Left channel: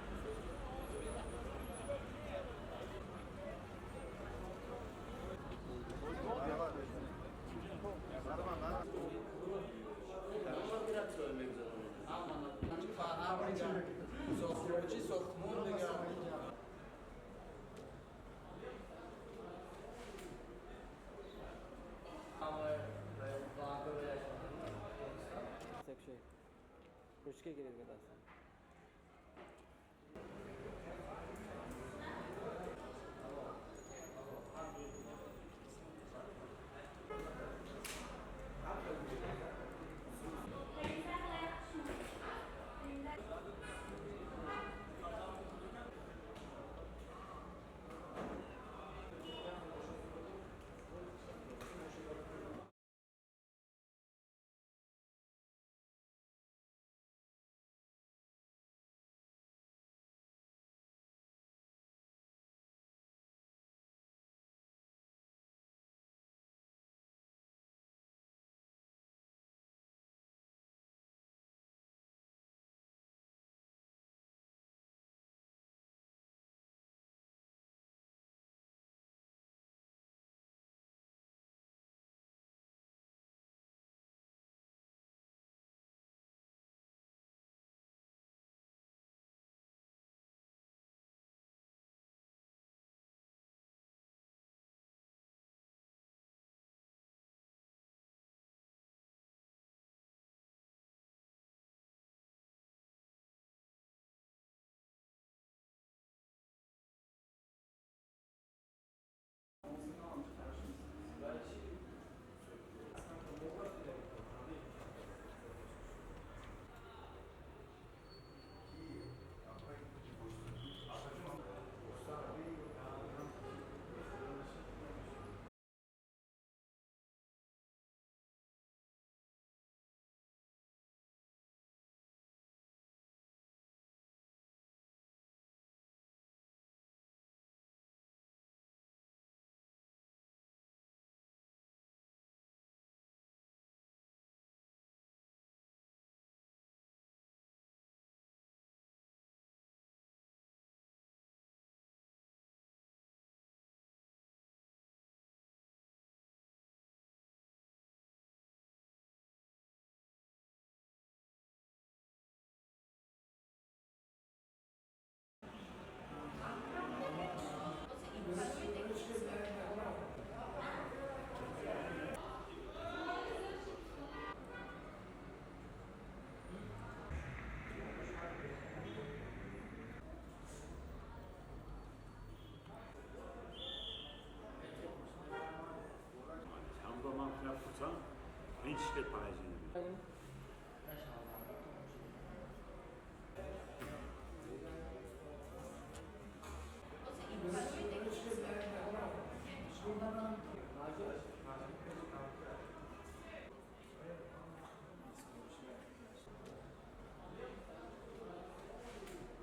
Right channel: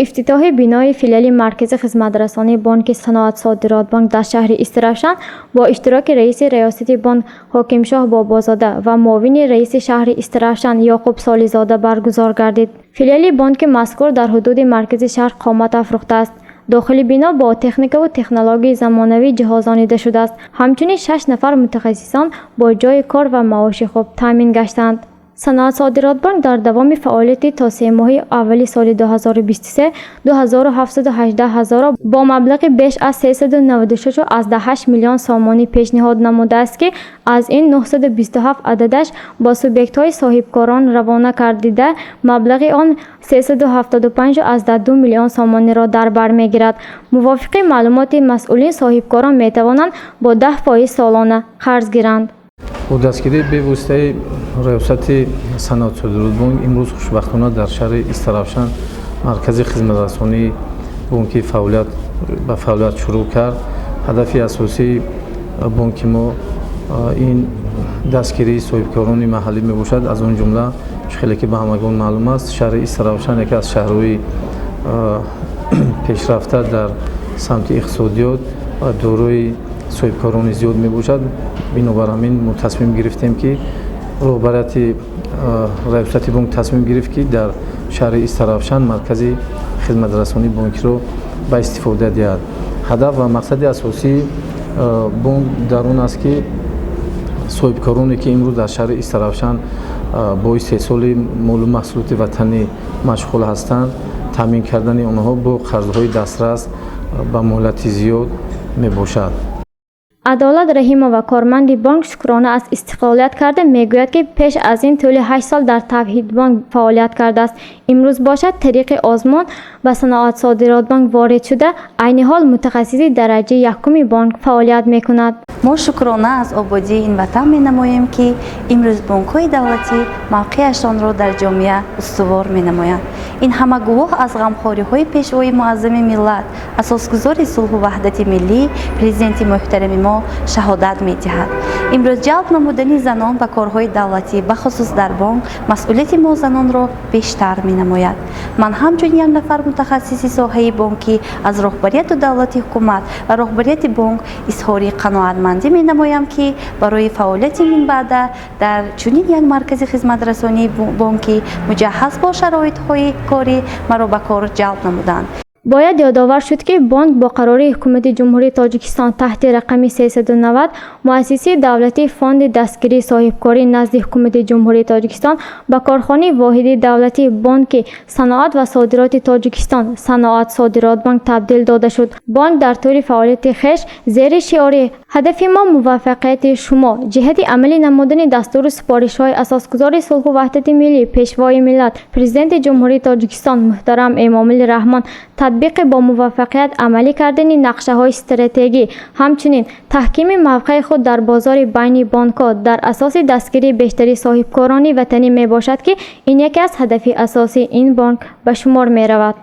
افتتاح بینای فیلیال مرکز خدمترسانی بانک صنعت صادرات بانک در شهر استرافشان با اشتراک رئیس ریاستی بانک حاکم شاه بابازاده و معاون رئیس شهر استرافشان یعقوب سالیزاده برگزار گردید. فیلیال بانک مذکور در حدود مرکز شهر قامت افروخته است. داخل بنا با تکنیک و تکنولوژی زمانوی جهازانیده شده است. همچنین 6 نفر متخصصان با جای کار و معاش خوب تامین گشتند. صنعت صادرات بانک در دوام فعالیت تا 3 ماه اول سال 2023 2718 هزار با مبلغ بیش از 396.8 میلیون سامانی پیشنهاد نموده است که از این 927 عددش با سوبیکت های صاحبکاران روانه کردیده مبلغ آن 375.2 میلیون سامانی را در بر میگیرد. موافق معلومات مسئولین صاحبکاران می توانند با 10% سالانه قرض گیرند. با دستگیری به واسطه ریاست صنعت صادرات بانک امروز خوشبختانه در شهر استرافشان مرکز خدمترسانی بانکی به فعالیت شروع کرد. هدف اساسی بانک ما این دستگیری صاحبکاران محلی می باشد. از آن جمله خیلی که به همگان معلوم است شهر استرافشان یکی از شهرهای پیشرفته در سمت اقتصادیات و دارای صاحبکاران زیاد می باشد. بنابر همین ما تصمیم گرفتیم که رهبریت ریاست بانک تصمیم گرفت که در شهر استرافشان مرکز خدمترسانی بانک را به استفاده دهد. هدف و مقصد اساسی بانک در آن است که صاحبکارانی که امروز در شهر استرافشان با استحصال مال و محصولات وطنی مشغول هستند تامین کردن آنها با قرضهای دسترس به مهلت زیاد می باشد. عدالت رحیمه و کارمند بانک شکرانه از استقلالیت کرده میگوید که پیش از این طول 8 سال در توحید بانک فعالیت کرده است. امروز باشد طریق آزمون و صنعت صادرات بانک وارد شده عین حال متخصصی درجه یکم بانک فعالیت میکند. ما شکرانه از آبادی این وطن می نماییم که امروز بانک های دولتی موقعشان را در جامعه استوار می نمایند. این همه گواه از غمخواری های پیشوای معظم ملت اساسگزار صلح و وحدت ملی پرزیدنت محترم ما شهادت می دهد. امروز جلب نمودن زنان به کارهای دولتی به خصوص در بانک مسئولیت ما زنان را بیشتر می نماید. من همچون یک نفر متخصص ساحه بانکی از رهبریت دولتی حکومت و رهبریت بانک اظهار قناعتمندی می نمایم که برای فعالیت من بعد در چنین یک مرکز خدمترسانی بانکی مجهز با شرایط های کاری مرا به کار جلب نمودند. باید یادآور شد که بانک با قرار حکومت جمهوری تاجیکستان تحت رقم 390 مؤسسه دولتی فاند دستگیری صاحبکاری نزد حکومت جمهوری تاجیکستان به کارخانه واحد دولتی بانک صنعت و صادرات تاجیکستان صنعت صادرات بانک تبدیل داده شد. بانک در طول فعالیت خویش زیر شعار هدف ما موفقیت شما جهت عملی نمودن دستور سپارش های اساسگزار صلح و وحدت ملی پیشوای ملت پرزیدنت جمهوری تاجیکستان محترم امام الرحمن تطبیق با موفقیت عملی کردن نقشه های استراتژی همچنین تحکیم موقع خود در بازار بین بانک‌ها در اساس دستگیری بیشتری صاحبکاران وطنی می باشد که این یکی از هدف اساسی این بانک به شمار می رود.